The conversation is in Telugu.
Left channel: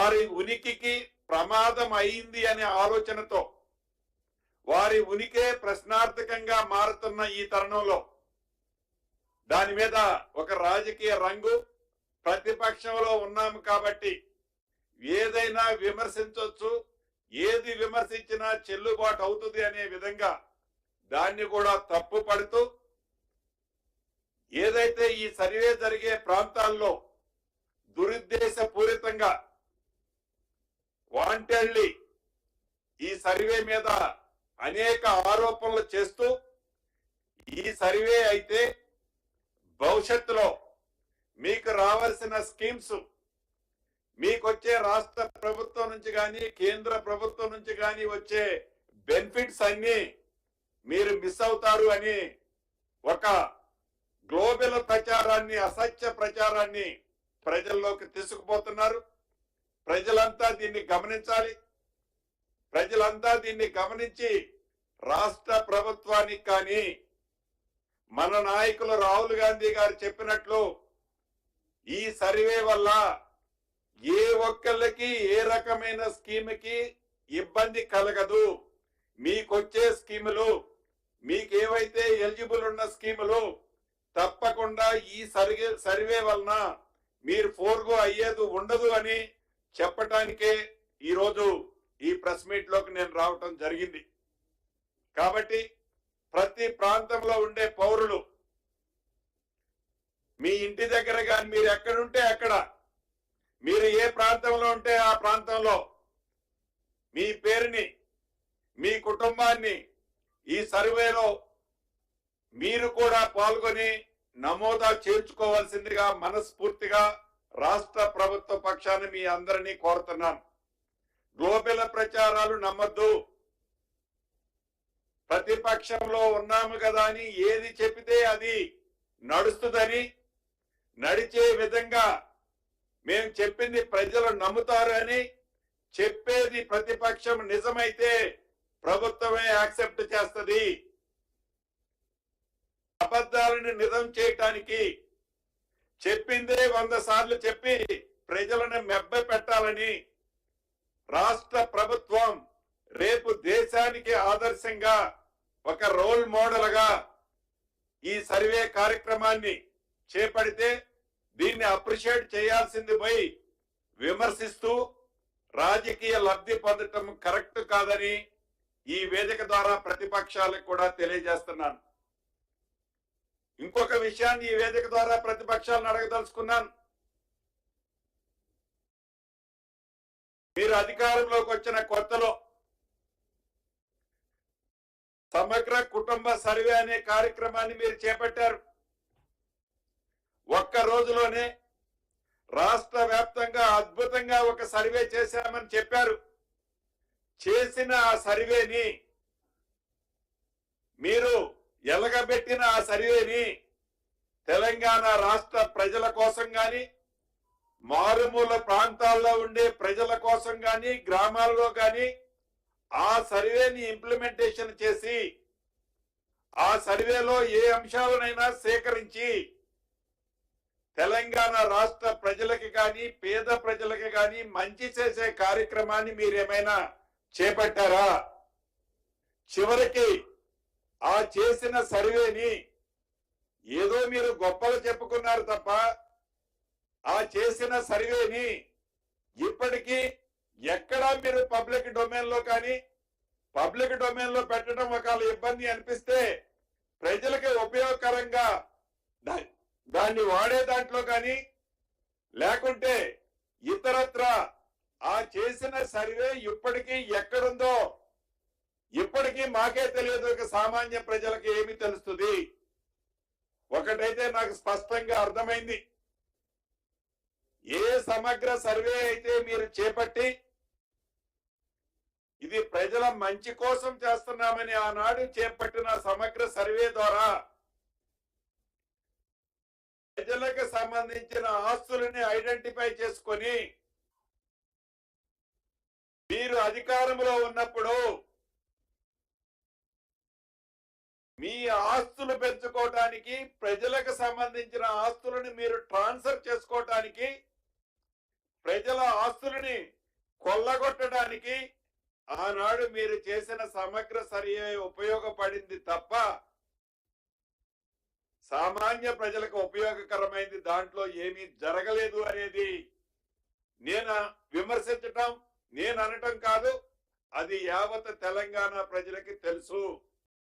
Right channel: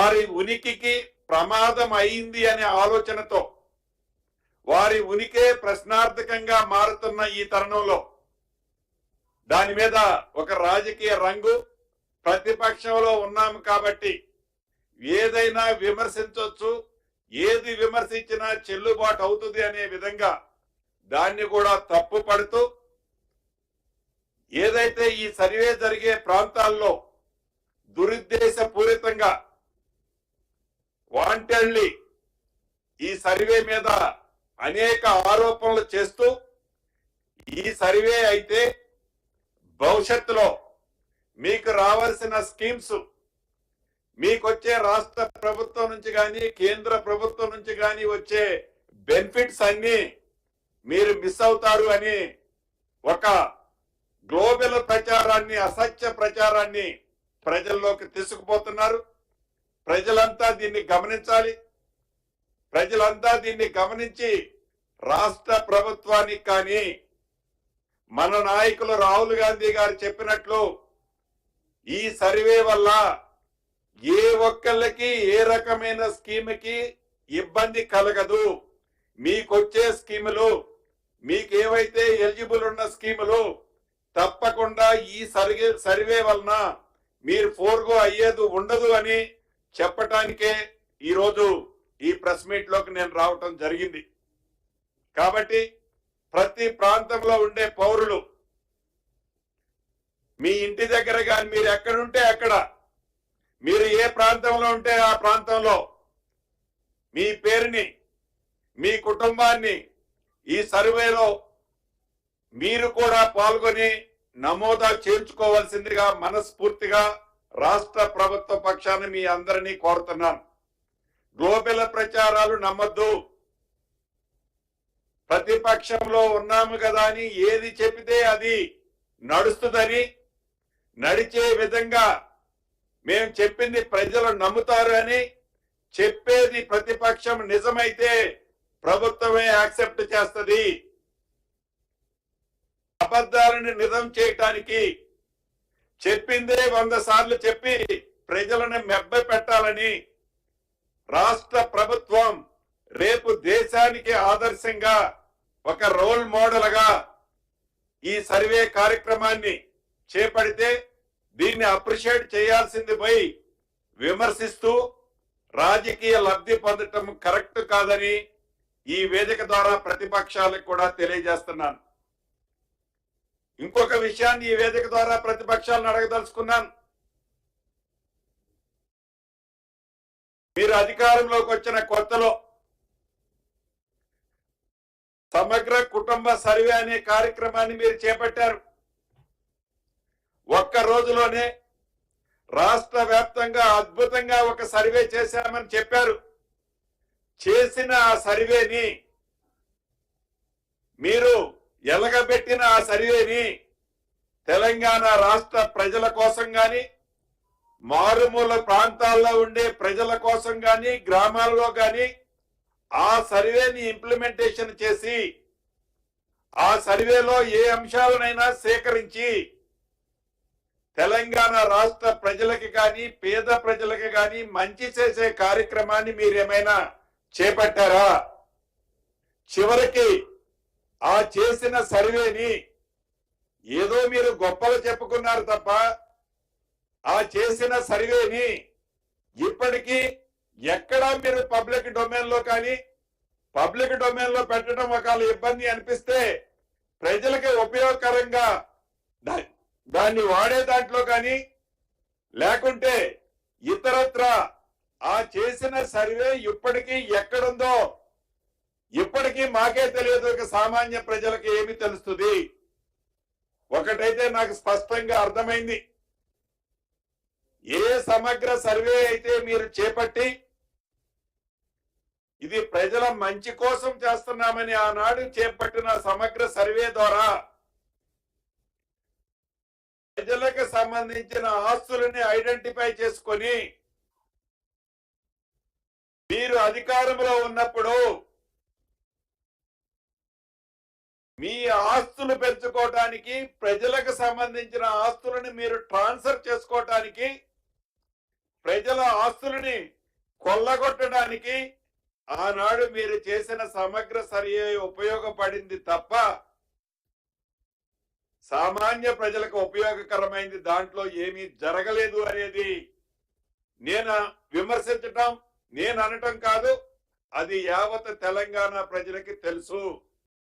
వారి ఉనికికి ప్రమాదం అయింది అనే ఆలోచనతో వారి ఉనికే ప్రశ్నార్థకంగా మారుతున్న ఈ తరుణంలో దాని మీద ఒక రాజకీయ రంగు, ప్రతిపక్షంలో ఉన్నాము కాబట్టి ఏదైనా విమర్శించవచ్చు, ఏది విమర్శించినా చెల్లుబాటు అవుతుంది అనే విధంగా దాన్ని కూడా తప్పు పడుతూ ఏదైతే ఈ సర్వే జరిగే ప్రాంతాల్లో దురుద్దేశపూరితంగా వాంటెడ్లీ ఈ సర్వే మీద అనేక ఆరోపణలు చేస్తూ ఈ సర్వే అయితే భవిష్యత్తులో మీకు రావాల్సిన స్కీమ్స్, మీకు వచ్చే రాష్ట్ర ప్రభుత్వం నుంచి కానీ కేంద్ర ప్రభుత్వం నుంచి కానీ వచ్చే బెనిఫిట్స్ అన్ని మీరు మిస్ అవుతారు అని ఒక గ్లోబల్ ప్రచారాన్ని, అసత్య ప్రచారాన్ని ప్రజల్లోకి తీసుకుపోతున్నారు. ప్రజలంతా దీన్ని గమనించాలి. ప్రజలంతా దీన్ని గమనించి రాష్ట్ర ప్రభుత్వానికి కానీ మన నాయకులు రాహుల్ గాంధీ గారు చెప్పినట్లు ఈ సర్వే వల్ల ఏ ఒక్కళ్ళకి ఏ రకమైన స్కీమ్కి ఇబ్బంది కలగదు. మీకొచ్చే స్కీములు, మీకు ఏవైతే ఎలిజిబుల్ ఉన్న స్కీములు తప్పకుండా ఈ సర్వే వలన మీరు ఫోర్గో అయ్యేది ఉండదు అని చెప్పటానికే ఈరోజు ఈ ప్రెస్ మీట్ లోకి నేను రావటం జరిగింది. కాబట్టి ప్రతి ప్రాంతంలో ఉండే పౌరులు మీ ఇంటి దగ్గర కానీ మీరు ఎక్కడుంటే అక్కడ, మీరు ఏ ప్రాంతంలో ఉంటే ఆ ప్రాంతంలో మీ పేరుని, మీ కుటుంబాన్ని ఈ సర్వేలో మీరు కూడా పాల్గొని నమోదా చేర్చుకోవాల్సిందిగా మనస్ఫూర్తిగా రాష్ట్ర ప్రభుత్వ పక్షాన్ని మీ అందరినీ కోరుతున్నాను. గ్లోబల్ ప్రచారాలు నమ్మద్దు. ప్రతిపక్షంలో ఉన్నాము కదా అని ఏది చెబితే అది నడుస్తుందని, నడిచే విధంగా మేము చెప్పింది ప్రజలు నమ్ముతారు అని చెప్పేది ప్రతిపక్షం నిజమైతే ప్రభుత్వమే యాక్సెప్ట్ చేస్తుంది. అబద్ధాలను నిజం చేయటానికి చెప్పిందే 100 సార్లు చెప్పి ప్రజలను మెబ్బ పెట్టాలని రాష్ట్ర ప్రభుత్వం రేపు దేశానికి ఆదర్శంగా ఒక రోల్ మోడల్ గా ఈ సర్వే కార్యక్రమాన్ని చేపడితే దీన్ని అప్రిషియేట్ చేయాల్సింది పోయి విమర్శిస్తూ రాజకీయ లబ్ధి పొందటం కరెక్ట్ కాదని ఈ వేదిక ద్వారా ప్రతిపక్షాలకు కూడా తెలియజేస్తున్నాను. ఇంకొక విషయాన్ని ఈ వేదిక ద్వారా ప్రతిపక్షాలను అడగదలుచుకున్నాను. మీరు అధికారంలోకి వచ్చిన కొత్తలో సమగ్ర కుటుంబ సర్వే అనే కార్యక్రమాన్ని మీరు చేపట్టారు. ఒక్క రోజులోనే రాష్ట్ర వ్యాప్తంగా అద్భుతంగా ఒక సర్వే చేశామని చెప్పారు. చేసిన ఆ సర్వేని మీరు ఎలగబెట్టిన ఆ సర్వేని తెలంగాణ రాష్ట్ర ప్రజల కోసం గాని, మారుమూల ప్రాంతాల్లో ఉండే ప్రజల కోసం గాని, గ్రామాల్లో గాని ఆ సర్వేని ఇంప్లిమెంటేషన్ చేసి ఆ సర్వేలో ఏ అంశాలనైనా సేకరించి తెలంగాణ రాష్ట్ర ప్రజలకి కానీ, పేద ప్రజలకి కానీ మంచి చేసే కార్యక్రమాన్ని మీరేమైనా చేపట్టారా? చివరికి ఆ చేసిన సర్వేని ఏదో మీరు గొప్పలు చెప్పుకున్నారు తప్ప ఆ చేసిన సర్వేని ఇప్పటికీ ఎక్కడా మీరు పబ్లిక్ డొమైన్ లో కానీ, పబ్లిక్ డొమైన్ లో పెట్టడం ఒకవేళ ఇబ్బంది అనిపిస్తే ప్రజలకి ఉపయోగకరంగా దాన్ని వాడే దాంట్లో కానీ, లేకుంటే ఇతరత్ర ఆ చేసిన సర్వే ఇప్పటికీ ఎక్కడుందో ఇప్పటికీ మాకే తెలియదు. సామాన్య ప్రజలకు ఏమి తెలుస్తుంది? ఒకటైతే నాకు స్పష్టంగా అర్థమైంది. ఏ సమగ్ర సర్వే అయితే మీరు చేపట్టి ఇది ప్రజల మంచి కోసం చేస్తున్నామని ఆనాడు చేపట్టిన సమగ్ర సర్వే ద్వారా ప్రజలకు సంబంధించిన ఆస్తులని ఐడెంటిఫై చేసుకొని మీరు అధికారంలో ఉన్నప్పుడు మీ ఆస్తులు పెంచుకోవటానికి, ప్రజలకు సంబంధించిన ఆస్తులను మీరు ట్రాన్స్ఫర్ చేసుకోవటానికి ప్రజల ఆస్తులని కొల్లగొట్టడానికి ఆనాడు మీరు చేసిన సమగ్ర సర్వే ఉపయోగపడింది తప్ప సామాన్య ప్రజలకు ఉపయోగకరమైంది దాంట్లో ఏమీ జరగలేదు అనేది నేను విమర్శించటం, నేను అనటం కాదు, అది యావత్ తెలంగాణ ప్రజలకి తెలుసు.